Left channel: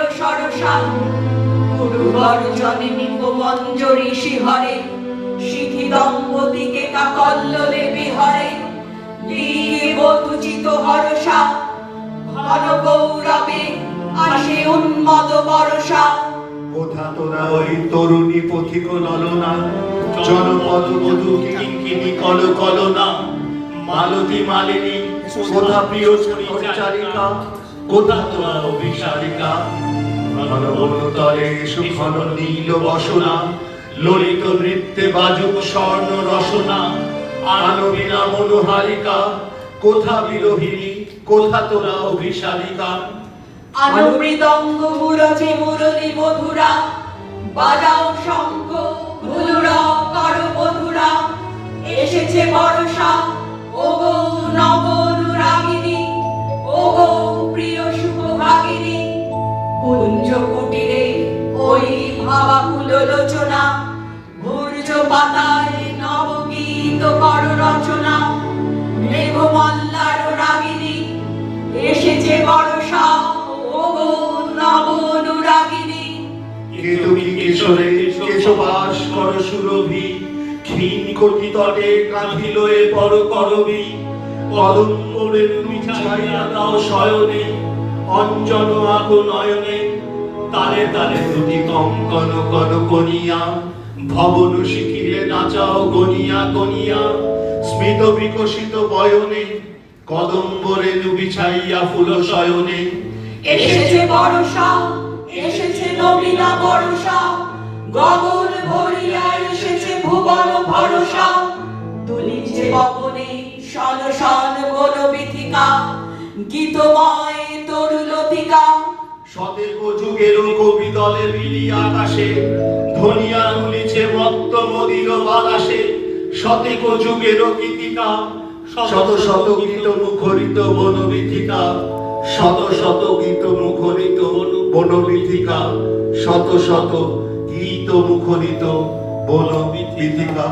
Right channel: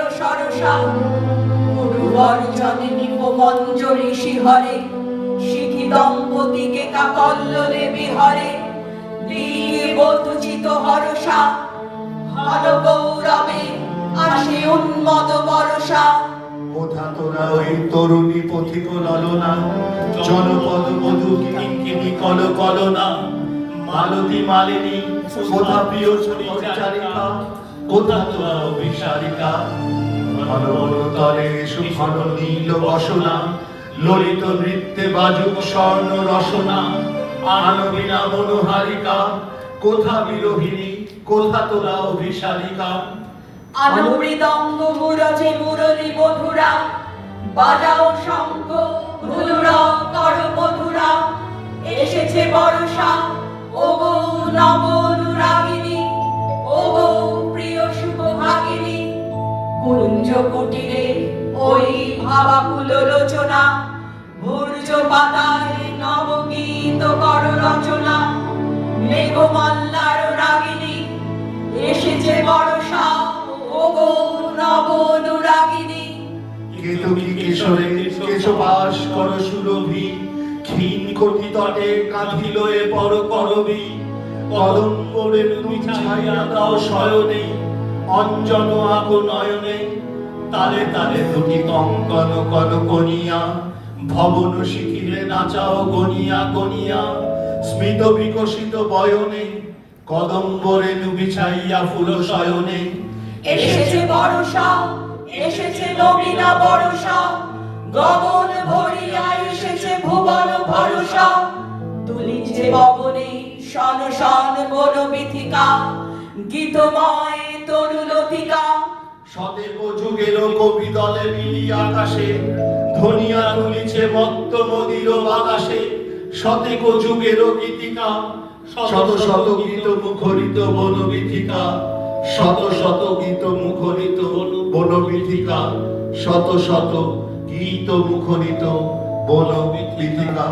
বর্ষা গুরুবর জননী মঞ্জরি শিহরে শিখি দম্পতিকে কাকল্লরে বিহরে দিকে বধুচিত হরসা ঘন গৌরবে আসে উন্মদ বরসা। কোথা তোরা ওই তরুণী পথিক ললনা জনপদ বধূ কিঙ্কিনি কল কলনা, মালতী মালিনী কোথা প্রিয় পরিচারিকা কোথা তোরা অভিসারিকা ঘন বনতলে সুঘন নীল বসনা, ললিত নৃত্যে বাজুক স্বর্ণ রসনা আনবিনা মনোহারিকা, কোথা বিরোহিনী কোথা তোরা অভিসারিকা? অনুমৃদঙ্গ মুরজে মুরলি বধুরা বাজাও শঙ্খ ভুলুরা কর বধুরা এসেছে বর্ষা ভাবাকুল লোচনা ভূর্য পাতায় নবগীত কর রচনা। মেঘমল্লার রাগিনী, এসেছে বর্ষা ও গো নব অনুরাগিনী। কেতকী কেশরে কেশবাস কর সুরভি, ক্ষীণ কোটি তটে কাঁধিল এ পর করবি। কদম করে তুমি ছাইয়া দাও শয়নে অঞ্জন আগ নয়নে তালে তালে দুটি কঙ্কন কর কনিয়া ভবন শিখিলে নাচাও গনিয়া গনিয়া। স্মিত বিকশিত বয়নে, কদম্বরে নুবি ছাইয়া ফুল শয়নে। এসেছে বর্ষা, এসেছে নবীনা বর্ষা। গগন ভরিয়া এসেছে ভুবন ভরসা। তুলিছে পবনে শন শন গোল বিথিকা। গীতময় শতেক যুগের কবি দলে মিলি আকাশে ধনিয়া তুলিছে মত্ত মদির বাতাসে। শতেক যুগের গীতিকা, শত শত গীত মুখরিত বনবিথিকা শত শত গীত মুখরিত বনবিথিকা শত শত গীত মুখরিত বনবিথিকা